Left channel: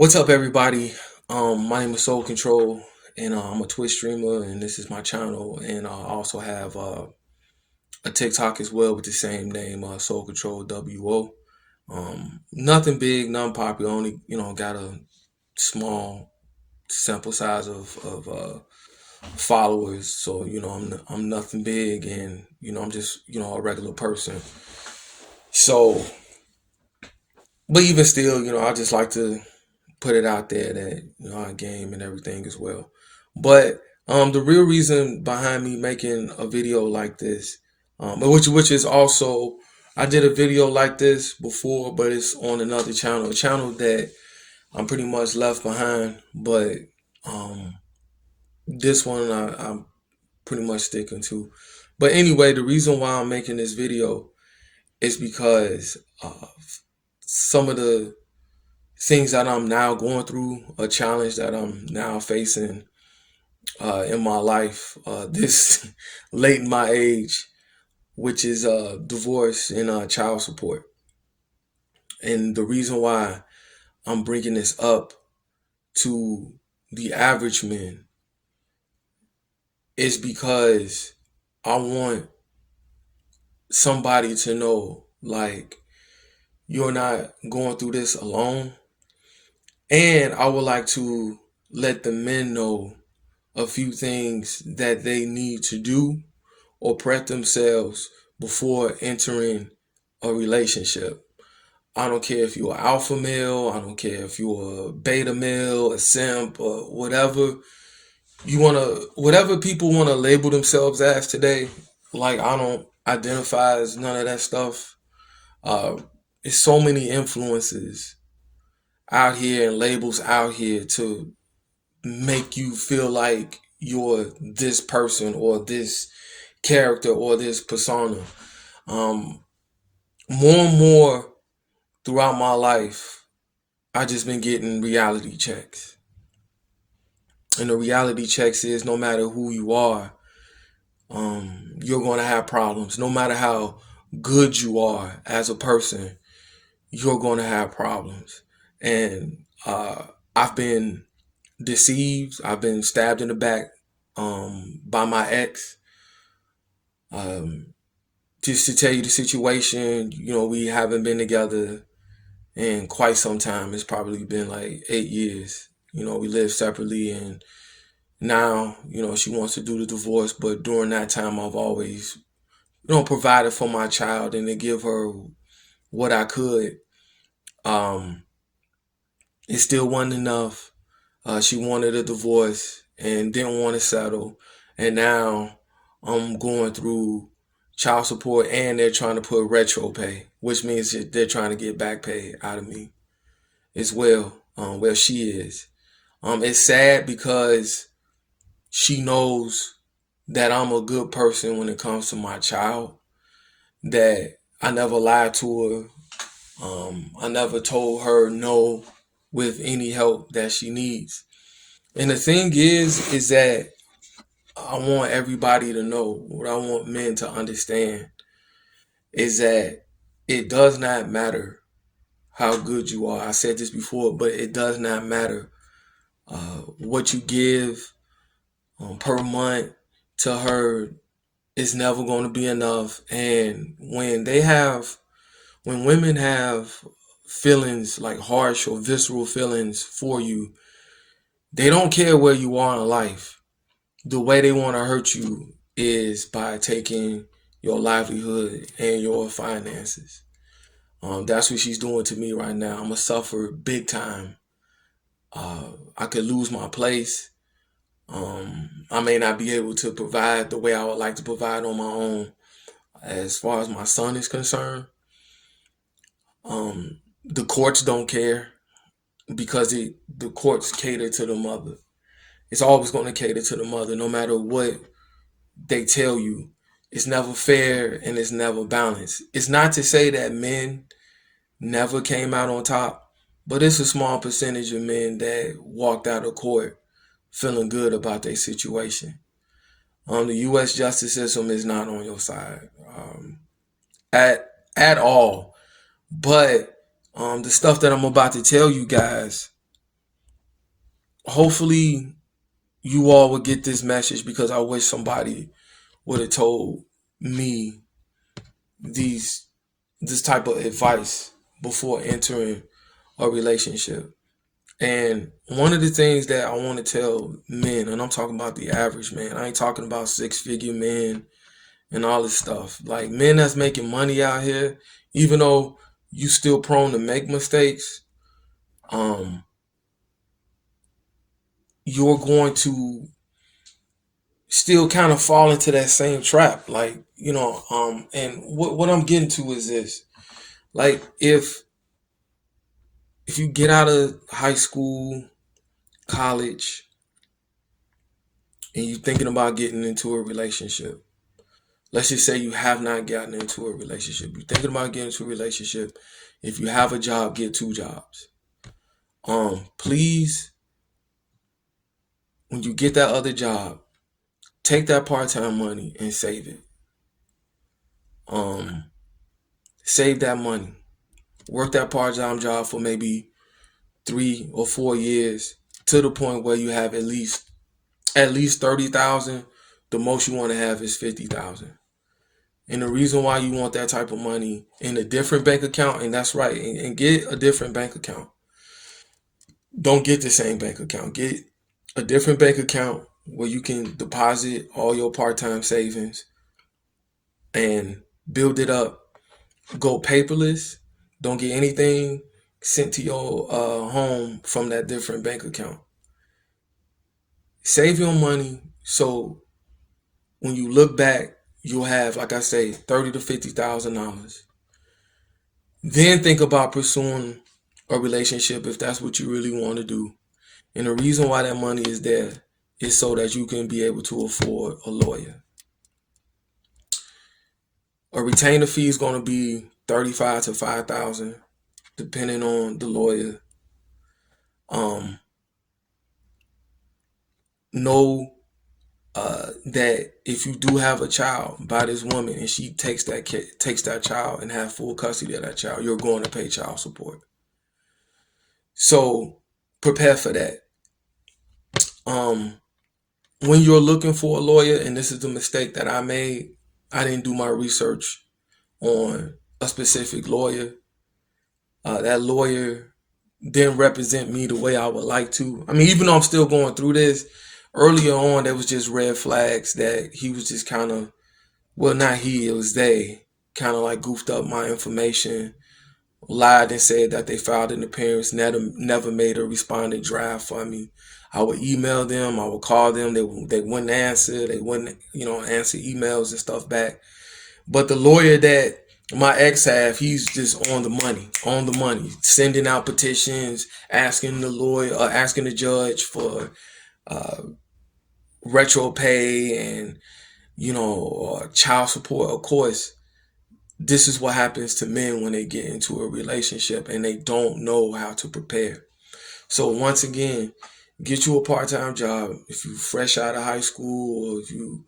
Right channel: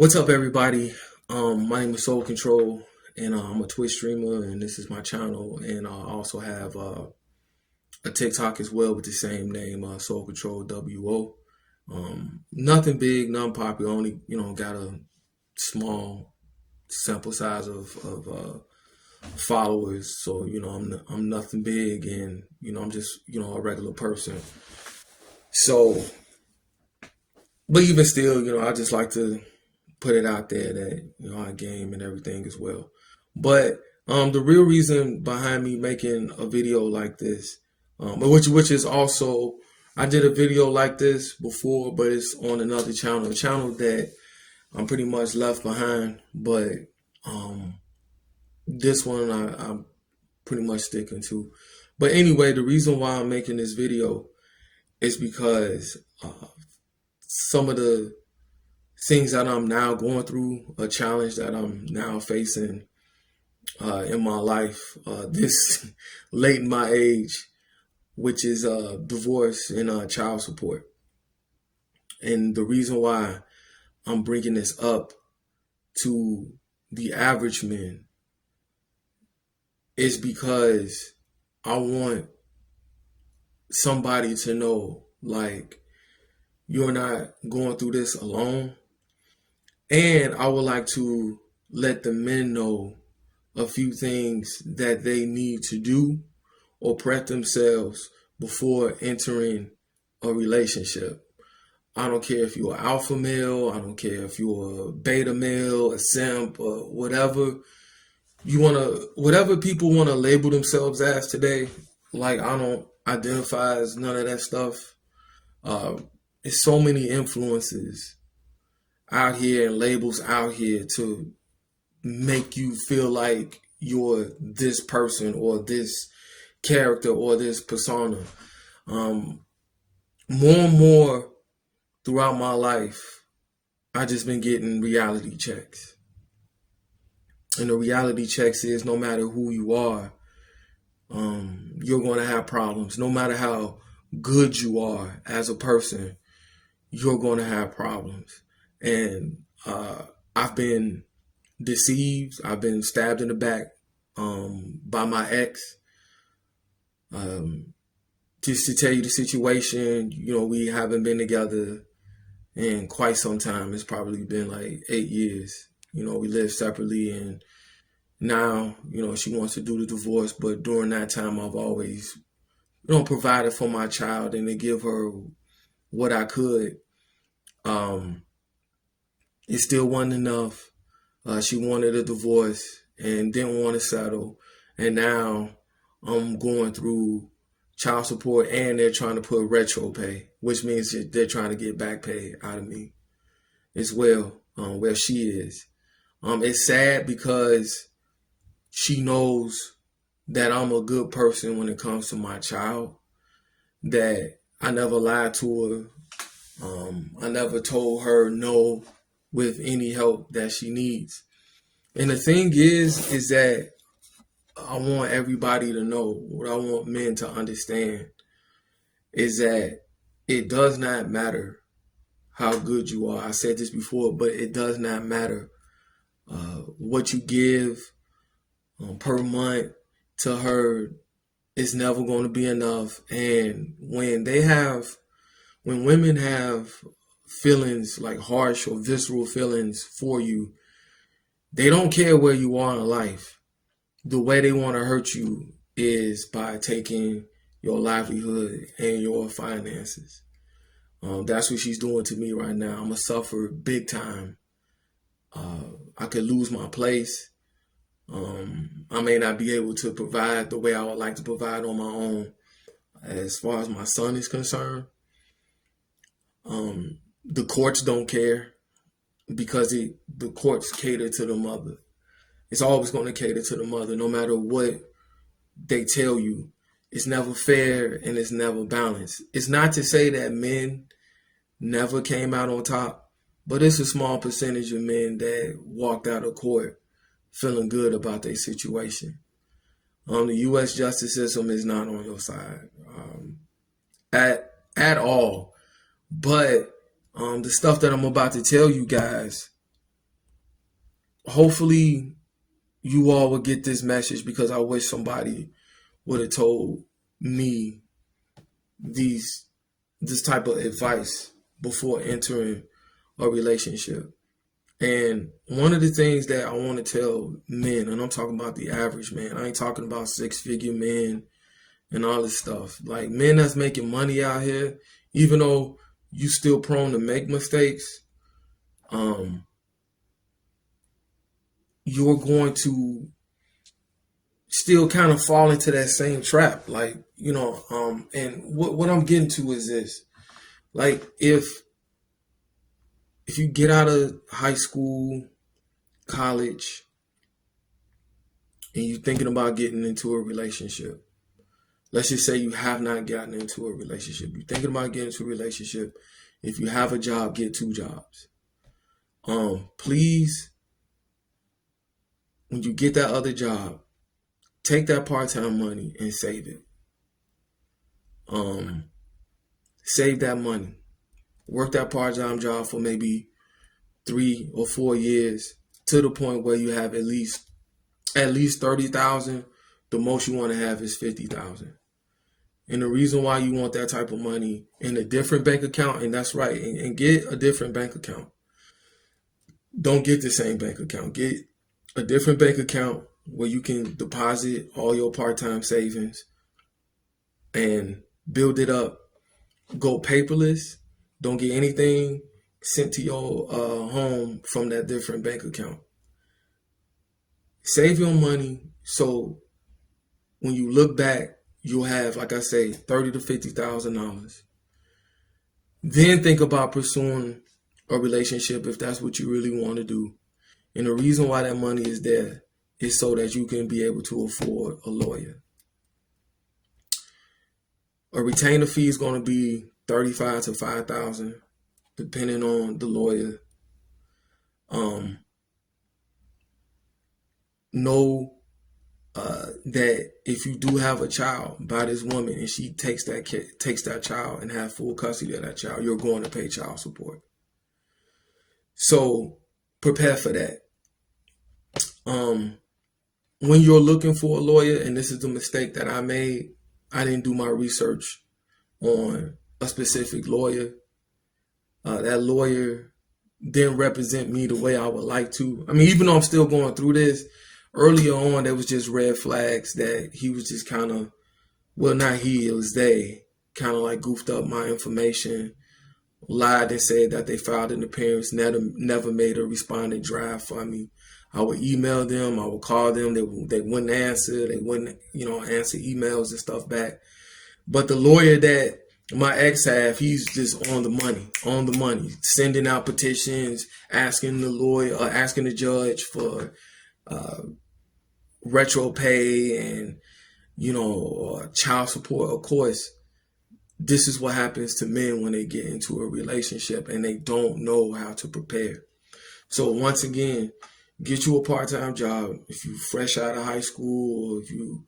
What's up, everybody? My name is Soul Control, and I'm a Twitch streamer, and this is my channel. And I also have a TikTok as well with the same name, Soul Control WO. Nothing big, nothing popular. Only got a small sample size of followers. So I'm nothing big, and I'm just a regular person. So, but even still, I just like to put it out there that I game and everything as well. But the real reason behind me making a video like this, which is also I did a video like this before, but it's on another channel, a channel that I'm pretty much left behind. But um, this one I'm pretty much sticking to. But anyway, the reason why I'm making this video is because some of the things that I'm now going through, a challenge that I'm now facing in my life, this late in my age, which is divorce and child support. And the reason why I'm bringing this up to the average man is because I want somebody to know, like, you're not going through this alone. And I would like to let the men know a few things that they need to do or prep themselves before entering a relationship. I don't care if you're an alpha male, I don't care if you're a beta male, a simp, or whatever whatever people want to label themselves as today. Like, I don't identify as none of that stuff. Uh, it's so many influences out here and labels out here to make you feel like you're this person or this character or this persona. Um, More and more throughout my life, I just been getting reality checks. And the reality checks is no matter who you are, you're going to have problems. No matter how good you are as a person, you're going to have problems. And I've been deceived. I've been stabbed in the back by my ex. Just to tell you the situation, we haven't been together in quite some time. It's probably been like 8 years. We live separately, and now, she wants to do the divorce. But during that time, I've always, provided for my child and to give her what I could. Um, it still wasn't enough. She wanted a divorce and didn't want to settle. And now I'm going through child support, and they're trying to put retro pay, which means that they're trying to get back pay out of me as well. Where she is. It's sad because she knows that I'm a good person when it comes to my child, that I never lied to her. I never told her no with any help that she needs. And the thing is that I want everybody to know, what I want men to understand is that it does not matter how good you are. I said this before, but it does not matter what you give per month to her. Is never going to be enough. And when women have feelings like harsh or visceral feelings for you, they don't care where you are in life. The way they want to hurt you is by taking your livelihood and your finances. That's what she's doing to me right now. I'm gonna suffer big time. I could lose my place. I may not be able to provide the way I would like to provide on my own. As far as my son is concerned, the courts don't care because the courts cater to the mother. It's always going to cater to the mother, no matter what they tell you. It's never fair and it's never balanced. It's not to say that men never came out on top, but it's a small percentage of men that walked out of court feeling good about their situation. The U.S. justice system is not on your side at all. But the stuff that I'm about to tell you guys hopefully you all would get this message, because I wish somebody would have told me this type of advice before entering a relationship. And one of the things that I want to tell men, and I'm talking about the average man, I ain't talking about 6-figure men and all this stuff. Like, men that's making money out here, even though you still prone to make mistakes, um, you're going to still kind of fall into that same trap. Like, and what I'm getting to is this. Like, if you get out of high school, college, and you're thinking about getting into a relationship, let's just say you have not gotten into a relationship. You're thinking about getting into a relationship. If you have a job, get 2 jobs. Please, when you get that other job, take that part-time money and save it. Save that money. Work that part-time job for maybe 3 or 4 years, to the point where you have at least 30,000. The most you want to have is 50,000. And the reason why you want that type of money in a different bank account, and that's right, and get a different bank account. Don't get the same bank account. Get a different bank account where you can deposit all your part-time savings and build it up. Go paperless. Don't get anything sent to your home from that different bank account. Save your money, so when you look back, you'll have, like I say, $30,000 to $50,000. Then think about pursuing a relationship if that's what you really want to do. And the reason why that money is there is so that you can be able to afford a lawyer. A retainer fee is going to be $35,000 to $5,000, depending on the lawyer. Know that if you do have a child by this woman and she takes that child and have full custody of that child, you're going to pay child support. So prepare for that. When you're looking for a lawyer, and this is the mistake that I made, I didn't do my research on a specific lawyer. That lawyer didn't represent me the way I would like to. I mean, even though I'm still going through this, earlier on there was just red flags that he was just kind of, well, not he, it was they, kind of like goofed up my information, lied and said that they filed an appearance, never made a respondent draft for me. I would email them, I would call them, they wouldn't answer, they wouldn't, answer emails and stuff back. But the lawyer that my ex have, he's just on the money, sending out petitions, asking the judge for retro pay and child support. Of course, this is what happens to men when they get into a relationship and they don't know how to prepare. So once again, get you a part-time job if you fresh out of high school, or if you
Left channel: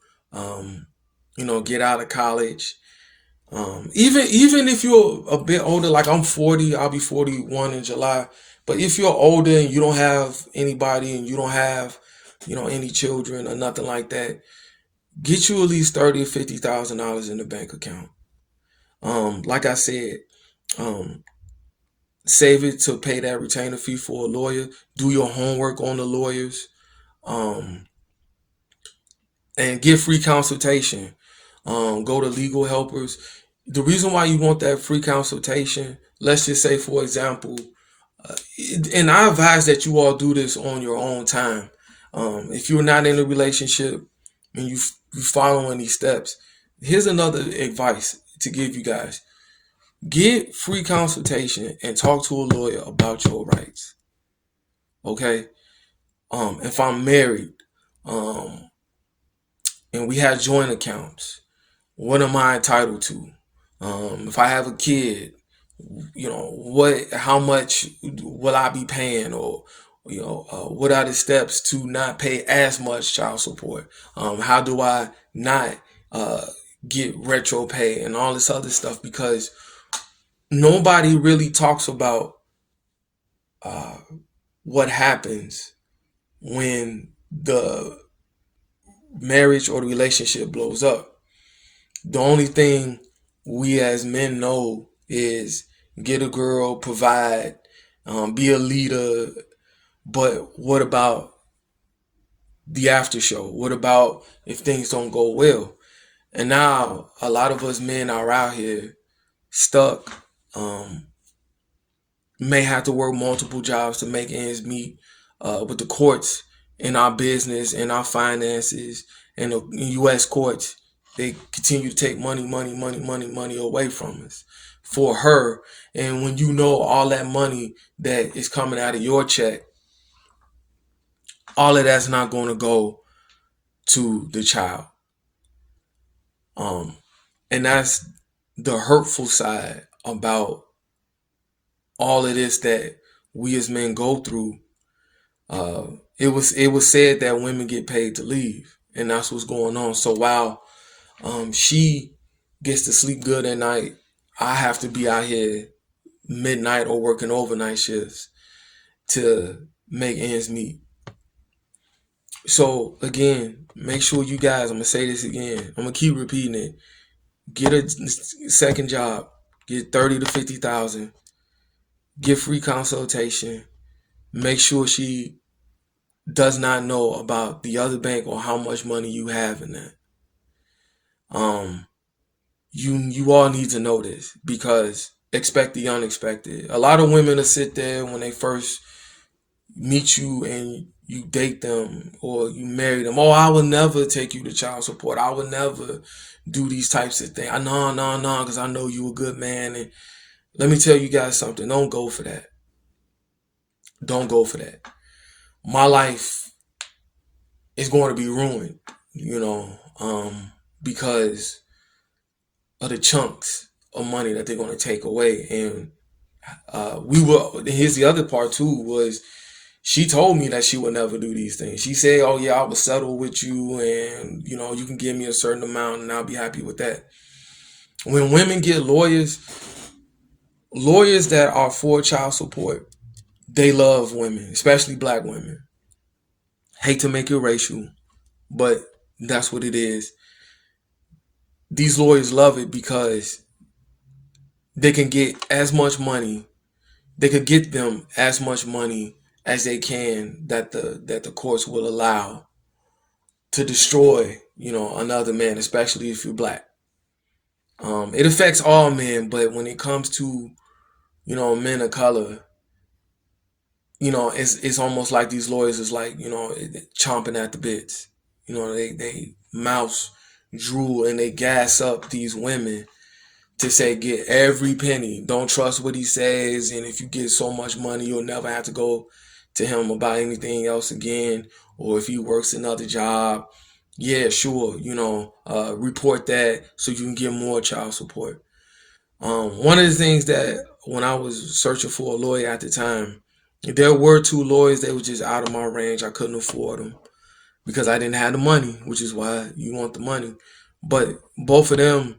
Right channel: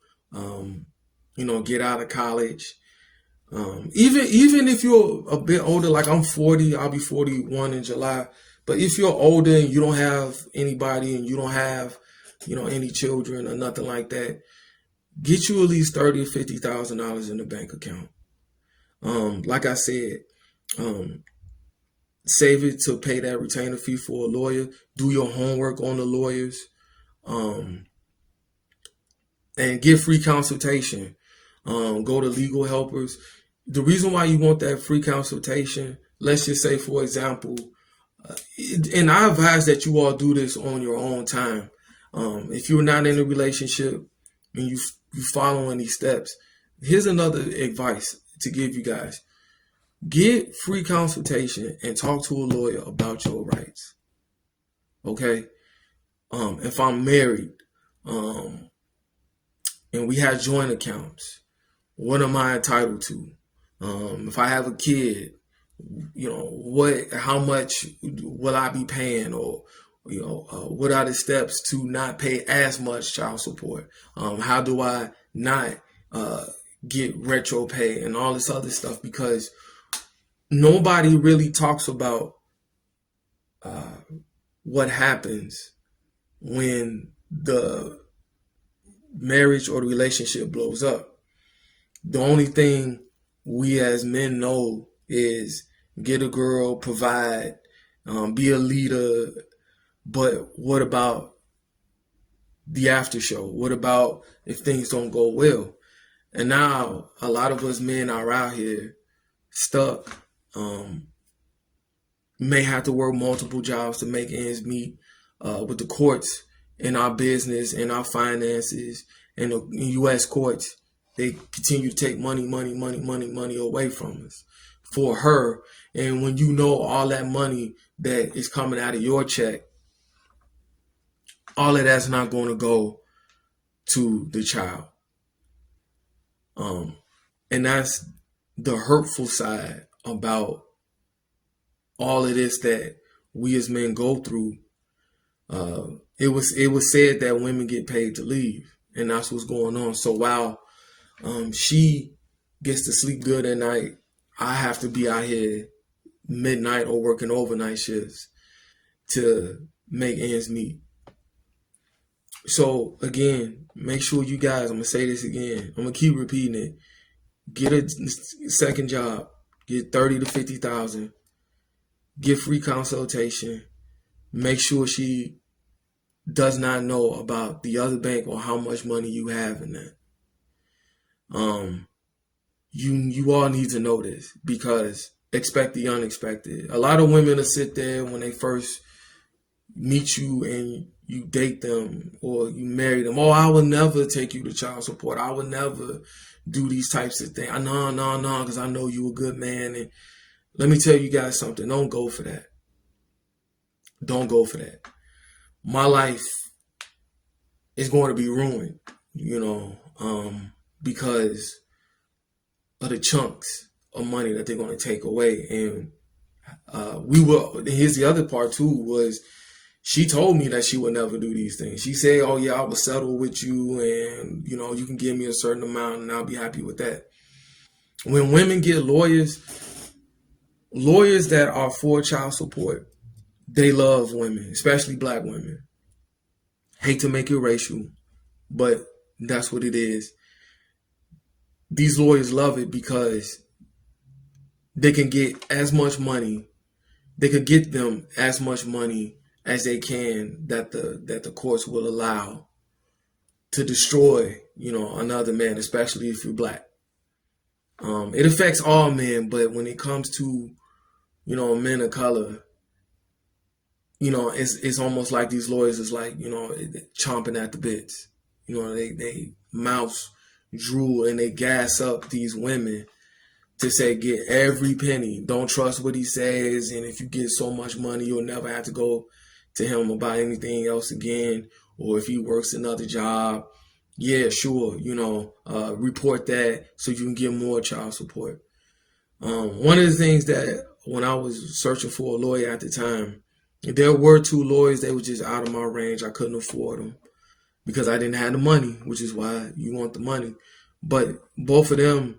get out of college. Even if you're a bit older, like I'm 40, I'll be 41 in July. But if you're older and you don't have anybody and you don't have, any children or nothing like that, get you at least $30,000 or $50,000 in the bank account. Like I said, save it to pay that retainer fee for a lawyer. Do your homework on the lawyers, and get free consultation. Go to legal helpers. The reason why you want that free consultation, let's just say, for example, and I advise that you all do this on your own time. If you're not in a relationship and you following these steps, here's another advice to give you guys. Get free consultation and talk to a lawyer about your rights. Okay? If I'm married, and we have joint accounts, what am I entitled to? If I have a kid, how much will I be paying, or what are the steps to not pay as much child support? How do I not get retro pay and all this other stuff? Because nobody really talks about what happens when the marriage or the relationship blows up. The only thing we as men know is get a girl, provide, be a leader. But what about the after show? What about if things don't go well? And now a lot of us men are out here stuck, may have to work multiple jobs to make ends meet, with the courts in our business and our finances and the U.S. courts. They continue to take money away from us for her. And when you know all that money that is coming out of your check, all of that's not going to go to the child. And that's the hurtful side about all of this that we as men go through. It was said that women get paid to leave, and that's what's going on. So while she gets to sleep good at night, I have to be out here midnight or working overnight shifts to make ends meet. So again, make sure you guys, I'm gonna say this again, I'm gonna keep repeating it. Get a second job, get 30 to 50,000, get free consultation, make sure she does not know about the other bank or how much money you have in that. You all need to know this, because expect the unexpected. A lot of women will sit there when they first meet you and you date them or you marry them. Oh, I will never take you to child support. I will never do these types of things. No, because I know you a good man. And let me tell you guys something. Don't go for that. Don't go for that. My life is going to be ruined, because of the chunks of money that they're going to take away. And here's the other part too, was she told me that she would never do these things. She said, oh yeah, I will settle with you, and you can give me a certain amount and I'll be happy with that. When women get lawyers that are for child support, they love women, especially black women. Hate to make it racial, but that's what it is. These lawyers love it because they can get as much money. They could get them as much money as they can that the courts will allow to destroy, another man, especially if you're black. It affects all men, but when it comes to, men of color, it's almost like these lawyers is like, chomping at the bits. They mouse drool and they gas up these women to say, get every penny. Don't trust what he says. And if you get so much money, you'll never have to go to him about anything else again. Or if he works another job, yeah, sure, report that so you can get more child support. One of the things that when I was searching for a lawyer at the time, there were two lawyers. They were just out of my range. I couldn't afford them because I didn't have the money, which is why you want the money. But both of them,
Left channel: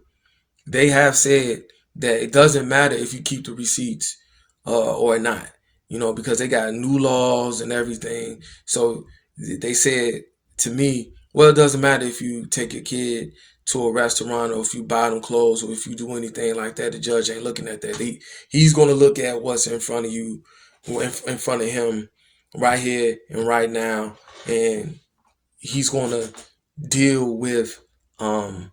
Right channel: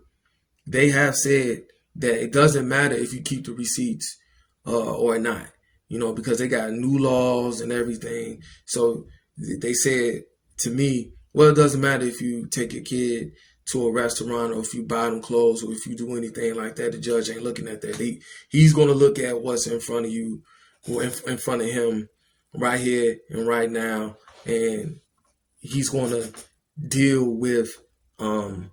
they have said that it doesn't matter if you keep the receipts or not, because they got new laws and everything. So they said to me, well, it doesn't matter if you take your kid to a restaurant or if you buy them clothes or if you do anything like that. The judge ain't looking at that. He's going to look at what's in front of you, in front of him right here and right now. And he's going to deal with the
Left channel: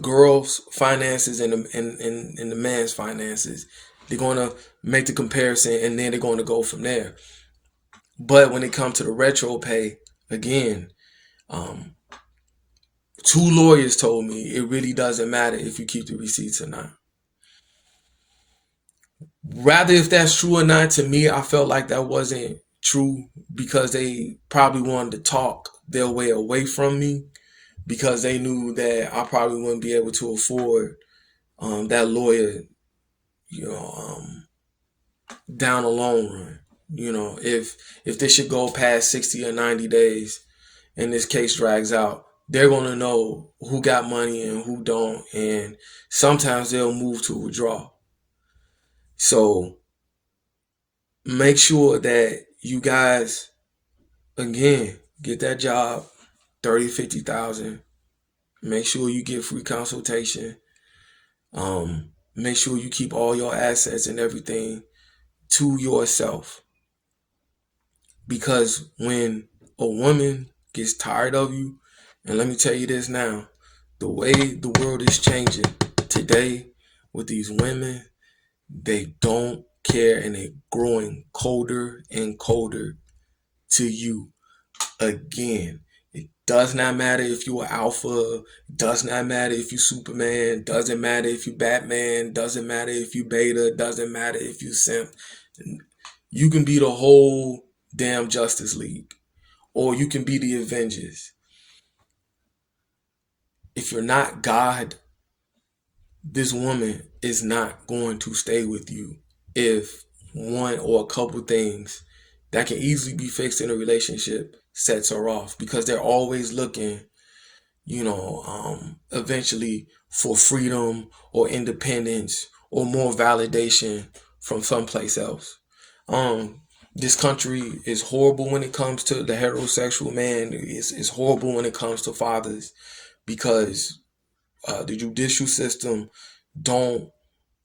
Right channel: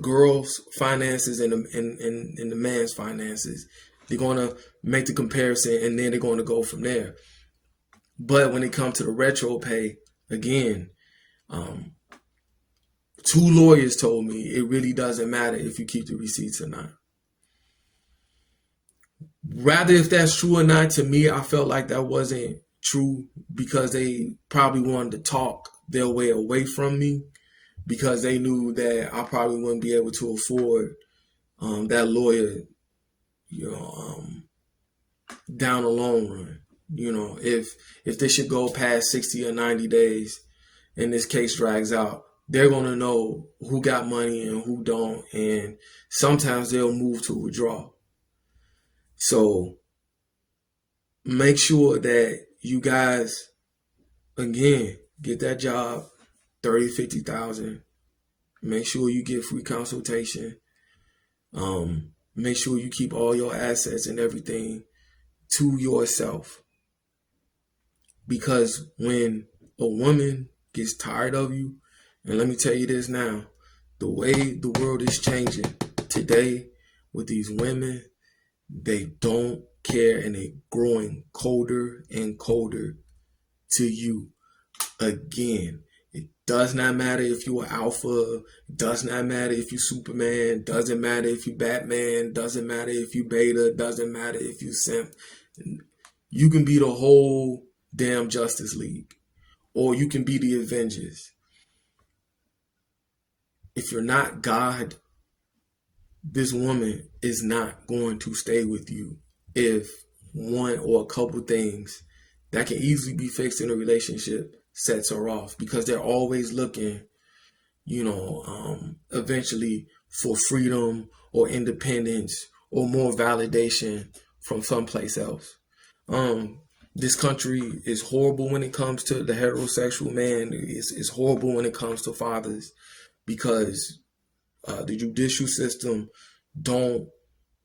girl's finances and the man's finances. They're going to make the comparison and then they're going to go from there. But when it comes to the retro pay, again, two lawyers told me it really doesn't matter if you keep the receipts or not. Rather, if that's true or not, to me, I felt like that wasn't true because they probably wanted to talk their way away from me because they knew that I probably wouldn't be able to afford that lawyer, down the long run. If this should go past 60 or 90 days and this case drags out, they're going to know who got money and who don't. And sometimes they'll move to withdraw. So make sure that you guys, again, get that job, 30, 50,000. Make sure you get free consultation. Make sure you keep all your assets and everything to yourself. Because when a woman gets tired of you, and let me tell you this now, the way the world is changing today with these women, they don't care and they're growing colder and colder to you. Again, it does not matter if you're alpha, it does not matter if you Superman, doesn't matter if you Batman, doesn't matter if you beta, doesn't matter if you simp. You can be the whole damn Justice League, or you can be the Avengers. If you're not God, this woman is not going to stay with you if one or a couple things that can easily be fixed in a relationship sets her off, because they're always looking, eventually for freedom or independence or more validation from someplace else. This country is horrible when it comes to the heterosexual man. It's horrible when it comes to fathers, because the judicial system don't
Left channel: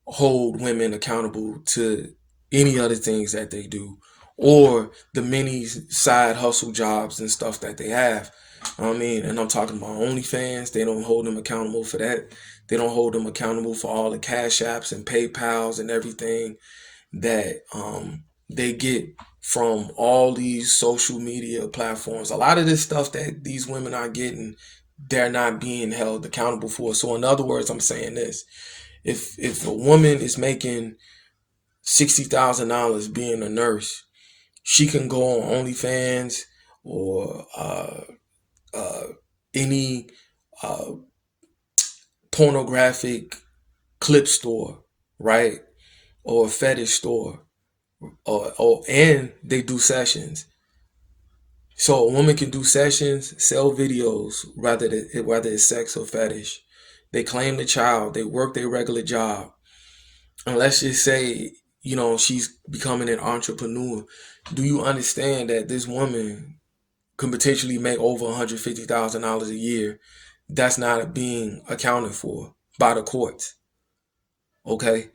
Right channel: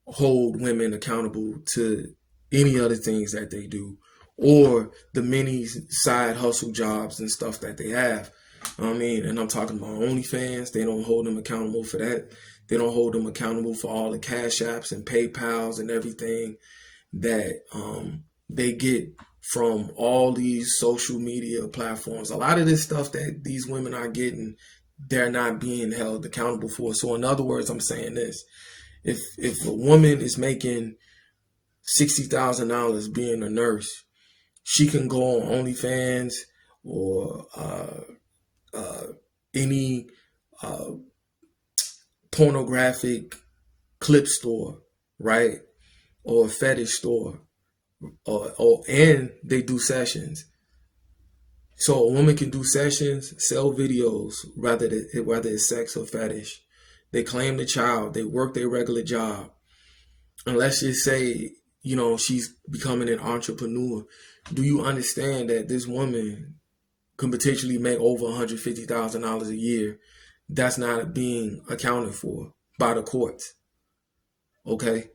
hold women accountable to any other things that they do, or the many side hustle jobs and stuff that they have. I mean, and I'm talking about OnlyFans. They don't hold them accountable for that. They don't hold them accountable for all the Cash Apps and PayPals and everything that they get from all these social media platforms. A lot of this stuff that these women are getting, they're not being held accountable for. So in other words, I'm saying this: if a woman is making $60,000 being a nurse, she can go on OnlyFans or any pornographic clip store, right? Or a fetish store, and they do sessions. So a woman can do sessions, sell videos, whether it's sex or fetish. They claim the child, they work their regular job. And let's just say, she's becoming an entrepreneur. Do you understand that this woman can potentially make over $150,000 a year? That's not being accounted for by the courts. Okay?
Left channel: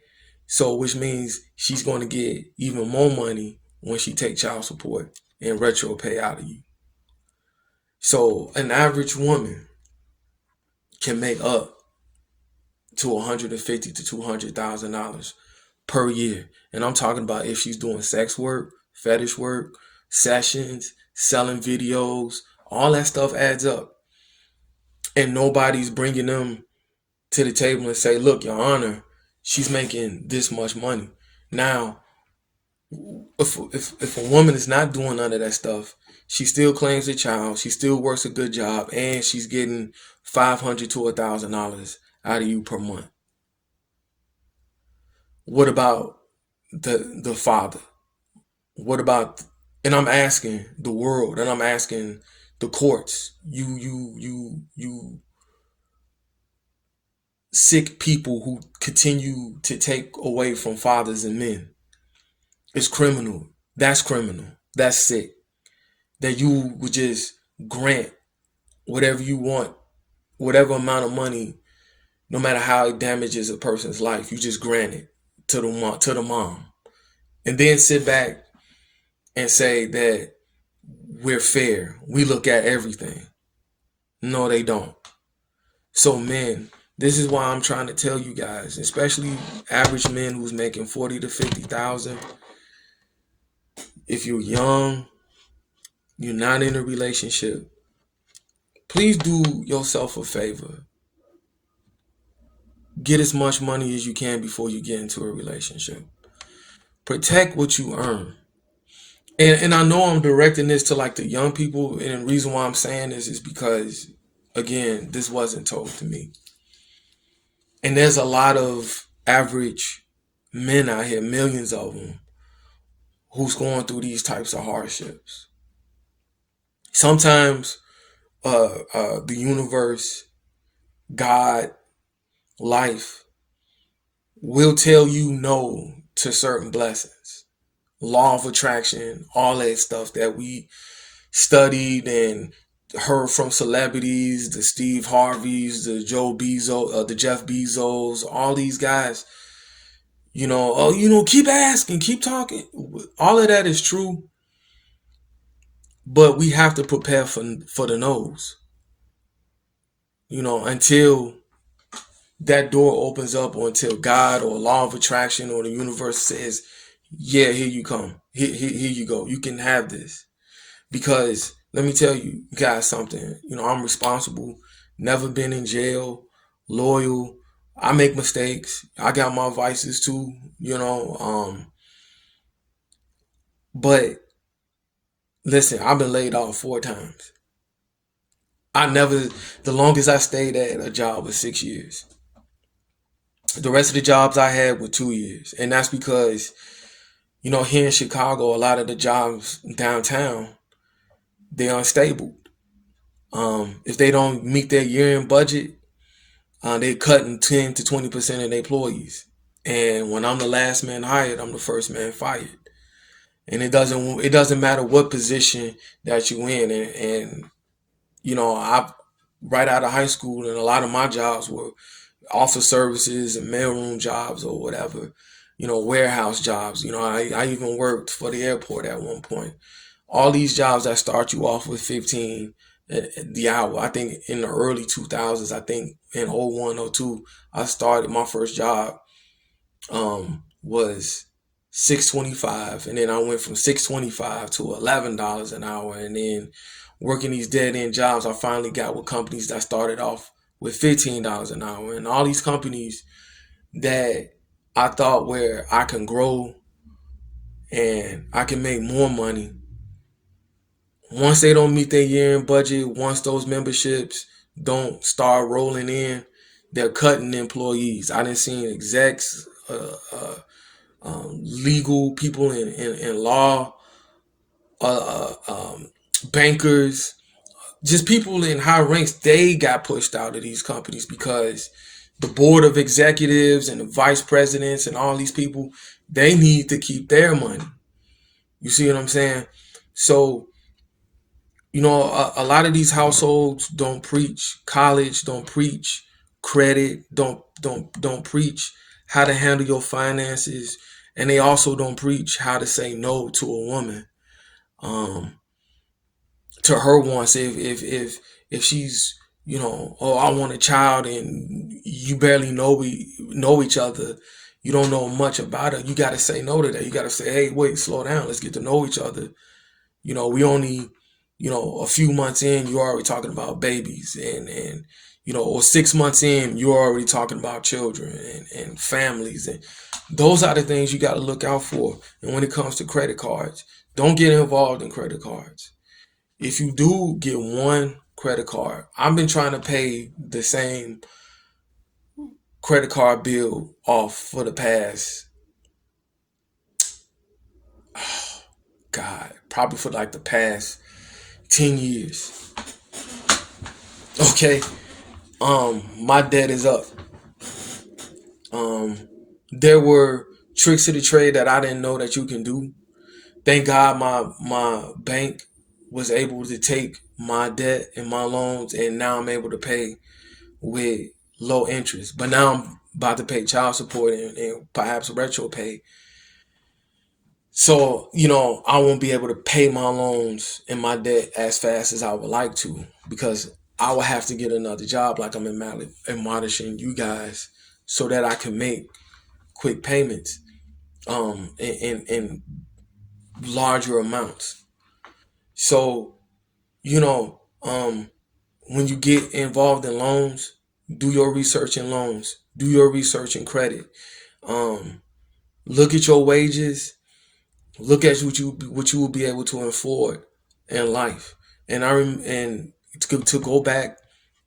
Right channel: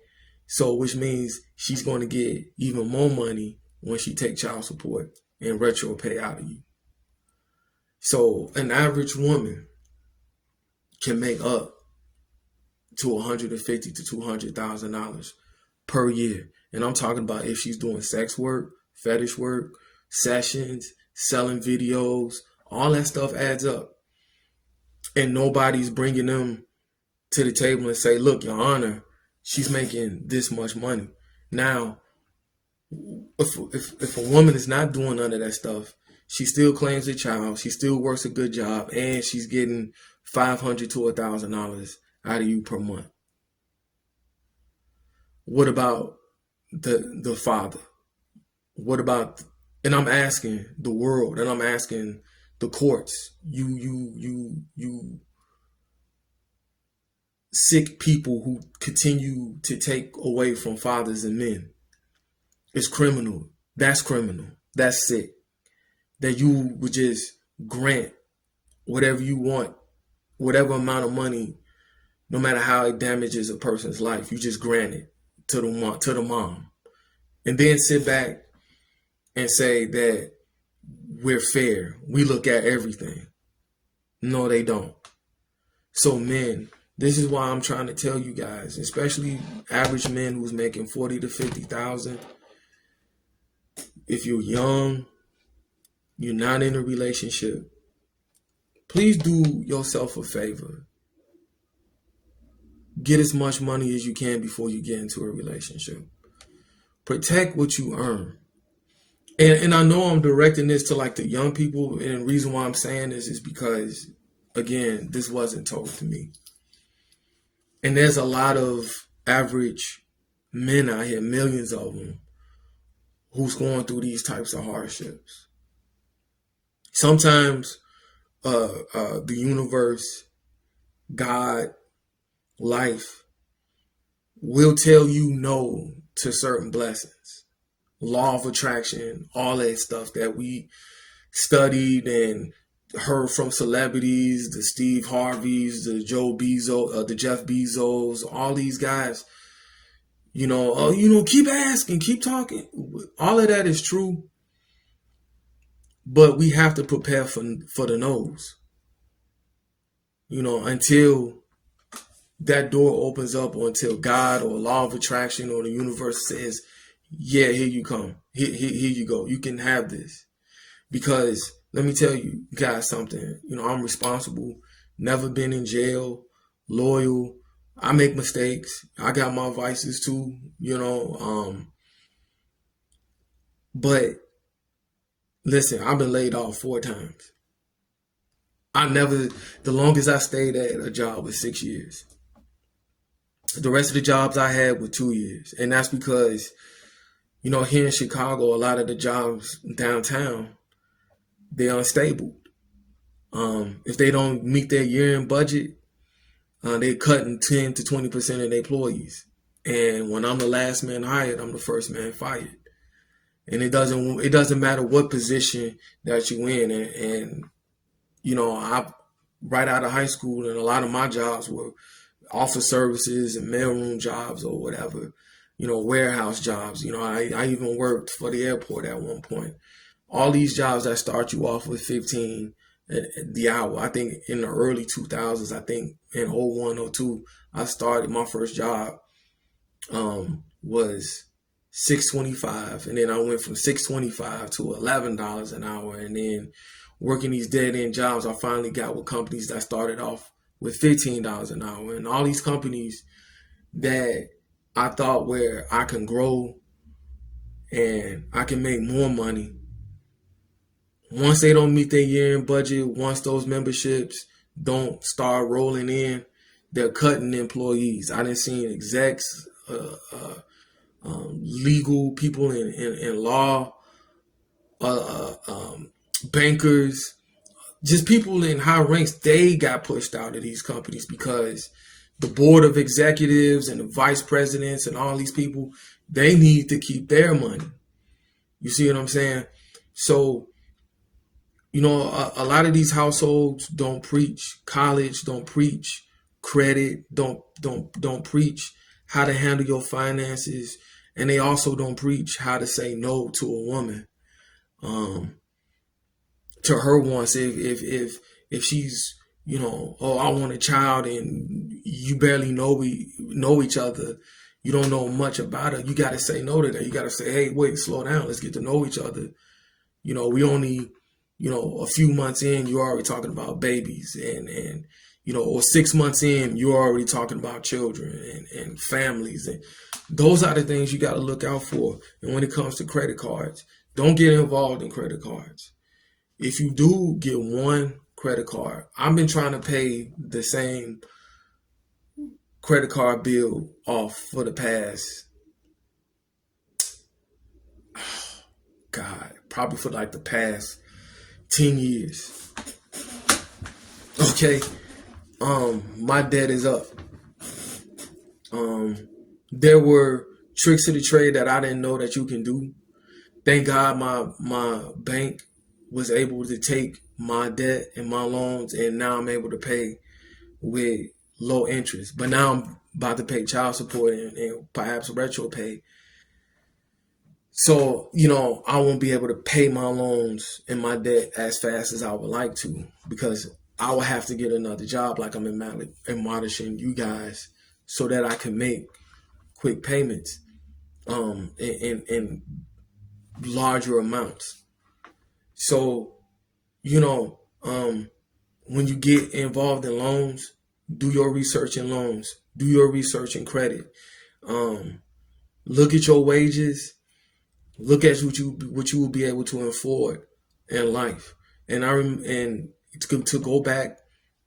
So which means she's going to get even more money when she take child support and retro pay out of you. So an average woman can make up to $150,000 to $200,000 per year. And I'm talking about if she's doing sex work, fetish work, sessions, selling videos, all that stuff adds up. And nobody's bringing them to the table and say, look, Your Honor, she's making this much money. Now, if a woman is not doing none of that stuff, she still claims a child, she still works a good job, and she's getting $500 to $1,000 out of you per month. What about the father? What about, and I'm asking the world, and I'm asking the courts, you sick people who continue to take away from fathers and men. It's criminal. That's criminal. That's sick. That you would just grant whatever you want, whatever amount of money, no matter how it damages a person's life, you just grant it to the mom, and then sit back and say that we're fair. We look at everything. No, they don't. So men, this is why I'm trying to tell you guys, especially average men who's making 40 to 50,000. If you're young, you're not in a relationship, please do yourself a favor. Get as much money as you can before you get into a relationship. Protect what you earn. And I know I'm directing this to like the young people, and the reason why I'm saying this is because, again, this wasn't told to me. And there's a lot of average men out here, millions of them, who's going through these types of hardships. Sometimes the universe, God, life will tell you no to certain blessings. law of attraction, all that stuff that we studied and heard from celebrities, the Steve Harveys, the Joe Bezos, the Jeff Bezos, all these guys, keep asking, keep talking. All of that is true, but we have to prepare for the no's. Until that door opens up, or until God or law of attraction or the universe says, yeah, here you come. Here you go. You can have this. Because let me tell you guys something. I'm responsible. Never been in jail. Loyal. I make mistakes. I got my vices too. But listen, I've been laid off 4 times. The longest I stayed at a job was 6 years. The rest of the jobs I had were 2 years. And that's because, here in Chicago, a lot of the jobs downtown, they're unstable. If they don't meet their year-end budget, they're cutting 10 to 20% of their employees. And when I'm the last man hired, I'm the first man fired. And it doesn't matter what position that you in. And I right out of high school, and a lot of my jobs were office services and mailroom jobs or whatever, warehouse jobs. I even worked for the airport at one point. All these jobs that start you off with 15 the hour. I think in the early 2000s, I think in 01 or 02, I started my first job was 6.25, and then I went from 6.25 to $11 an hour, and then working these dead end jobs, I finally got with companies that started off with $15 an hour, and all these companies that I thought where I can grow and I can make more money. Once they don't meet their year-end budget, once those memberships don't start rolling in, they're cutting employees. I didn't see execs, legal people in law, bankers, just people in high ranks. They got pushed out of these companies because the board of executives and the vice presidents and all these people, they need to keep their money. You see what I'm saying? So, a lot of these households don't preach college, don't preach credit, don't preach how to handle your finances, and they also don't preach how to say no to a woman, to her wants. If she's, oh, I want a child, and you barely know each other, you don't know much about her, you got to say no to that. You got to say, hey, wait, slow down, let's get to know each other. We only, a few months in, you're already talking about babies, and or 6 months in, you're already talking about children and families. And those are the things you got to look out for. And when it comes to credit cards, don't get involved in credit cards. If you do get one credit card, I've been trying to pay the same credit card bill off for the past, God, probably for like the past 10 years. Okay. My debt is up. There were tricks to the trade that I didn't know that you can do. Thank God my bank was able to take my debt and my loans, and now I'm able to pay with low interest. But now I'm about to pay child support and perhaps retro pay. So, I won't be able to pay my loans and my debt as fast as I would like to, because I will have to get another job, like I'm admonishing you guys, so that I can make quick payments in larger amounts. So, when you get involved in loans, do your research in loans, do your research in credit. Look at your wages. Look at what you will be able to afford in life. And to go back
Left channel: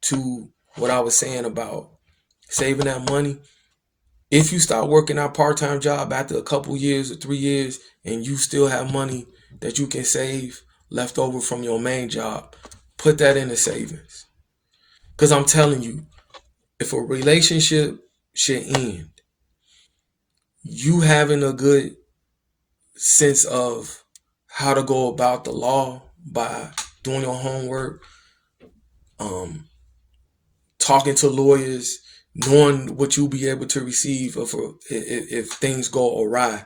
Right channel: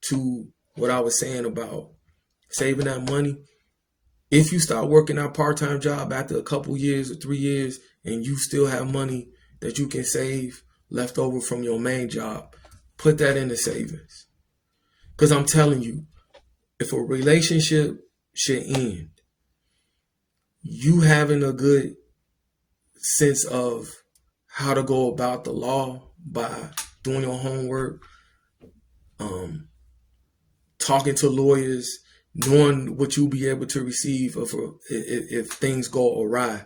to what I was saying about saving that money. If you start working that part-time job after a couple years or 3 years, and you still have money that you can save left over from your main job, put that into savings. Because I'm telling you, if a relationship should end, you having a good sense of how to go about the law by doing your homework, um, talking to lawyers, knowing what you'll be able to receive if things go awry.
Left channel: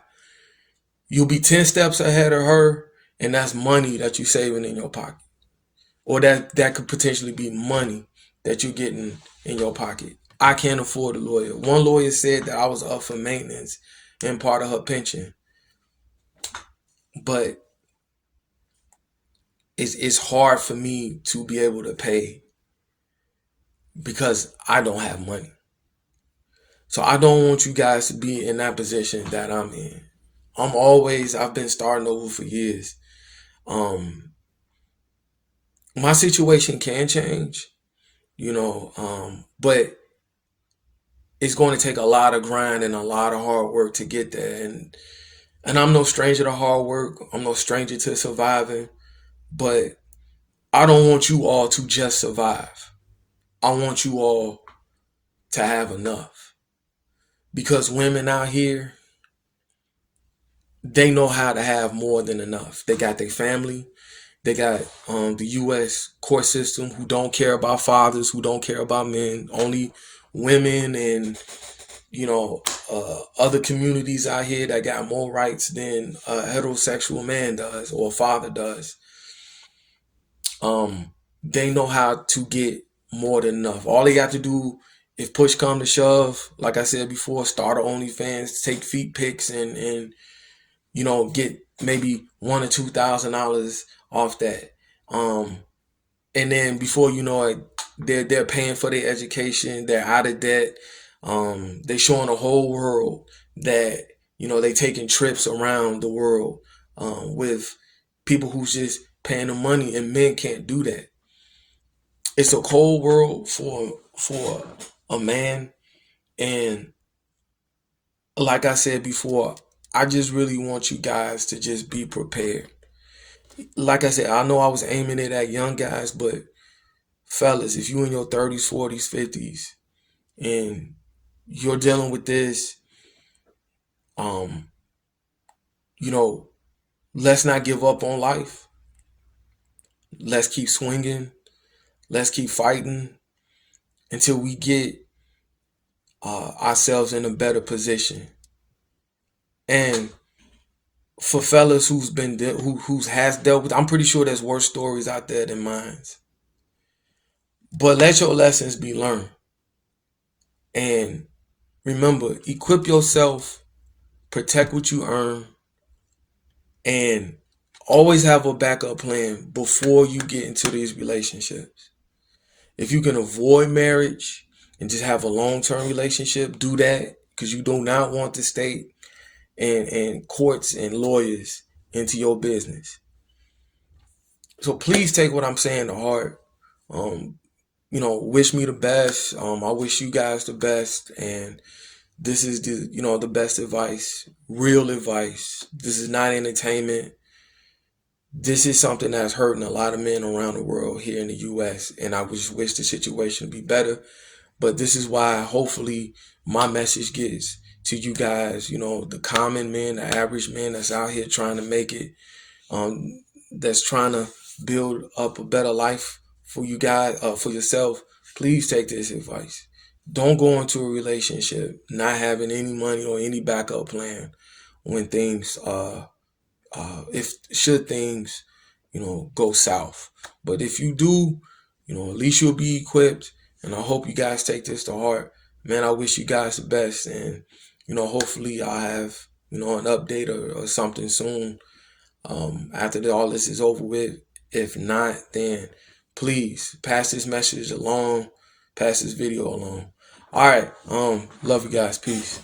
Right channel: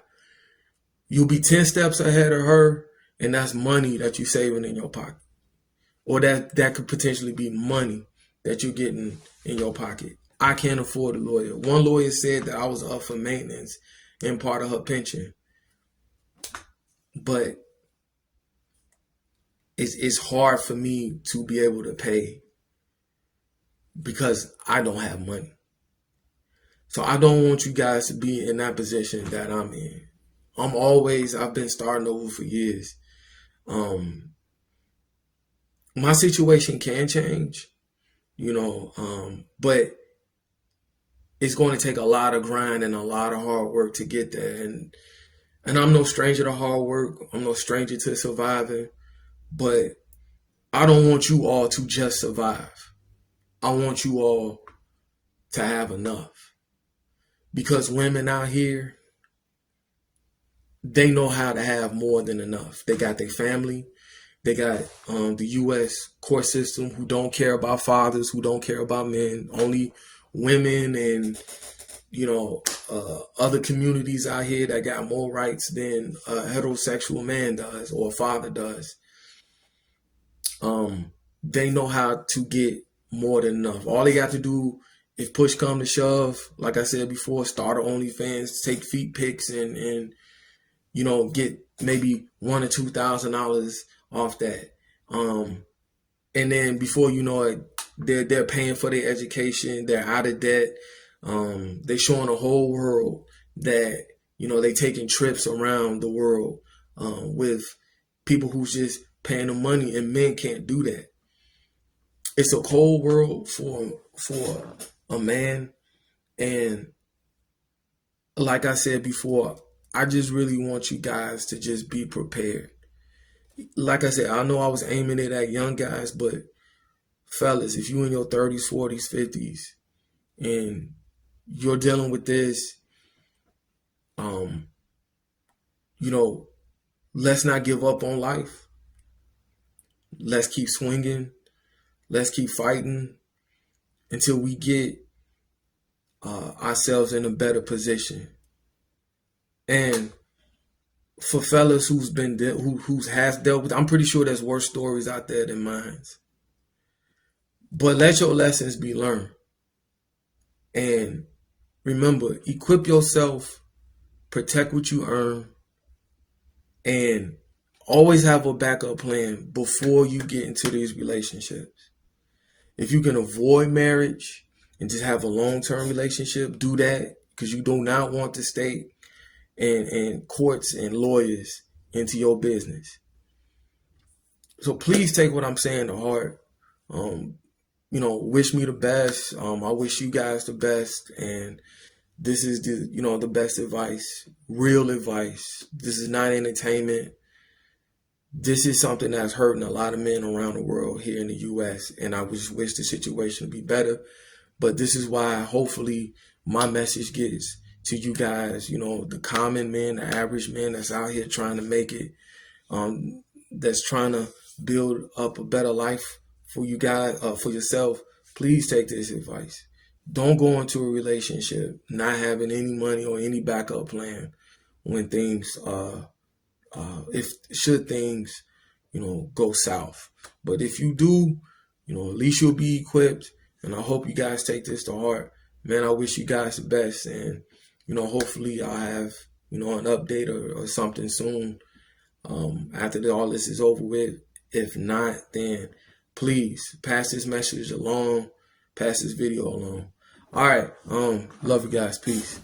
You'll be 10 steps ahead of her, and that's money that you're saving in your pocket. Or that could potentially be money that you're getting in your pocket. I can't afford a lawyer. One lawyer said that I was up for maintenance and part of her pension. But it's hard for me to be able to pay because I don't have money. So I don't want you guys to be in that position that I'm in. I've been starting over for years. My situation can change, but it's going to take a lot of grind and a lot of hard work to get there. And I'm no stranger to hard work. I'm no stranger to surviving, but I don't want you all to just survive. I want you all to have enough, because women out here, they know how to have more than enough. They got their family. They got the U.S. court system who don't care about fathers, who don't care about men. Only women and other communities out here that got more rights than a heterosexual man does or a father does. They know how to get more than enough. All they got to do, if push come to shove, like I said before, start an OnlyFans, take feet pics, and get maybe $1,000 or $2,000 off that. And then before you know it, they're paying for their education. They're out of debt. They're showing the whole world that they taking trips around the world with people who's just paying the money, and men can't do that. It's a cold world for a man, and like I said before, I just really want you guys to just be prepared. Like I said, I know I was aiming it at young guys, but fellas, if you in your 30s, 40s, 50s, and you're dealing with this, let's not give up on life. Let's keep swinging. Let's keep fighting until we get ourselves in a better position. And for fellas who's been who has dealt with, I'm pretty sure there's worse stories out there than mine. But let your lessons be learned. And remember, equip yourself, protect what you earn, and always have a backup plan before you get into these relationships. If you can avoid marriage and just have a long-term relationship, do that, because you do not want the state and courts and lawyers into your business. So please take what I'm saying to heart. Wish me the best. I wish you guys the best, and this is the best advice, real advice. This is not entertainment. This is something that's hurting a lot of men around the world here in the U.S., and I just wish the situation would be better. But this is why hopefully my message gets to you guys, the common man, the average man that's out here trying to make it, that's trying to build up a better life for you guys, for yourself. Please take this advice. Don't go into a relationship not having any money or any backup plan when things should things go south. But if you do, at least you'll be equipped, and I hope you guys take this to heart. Man, I wish you guys the best, and hopefully I'll have an update or something soon after all this is over with. If not, then please pass this message along, pass this video along. All right, love you guys. Peace.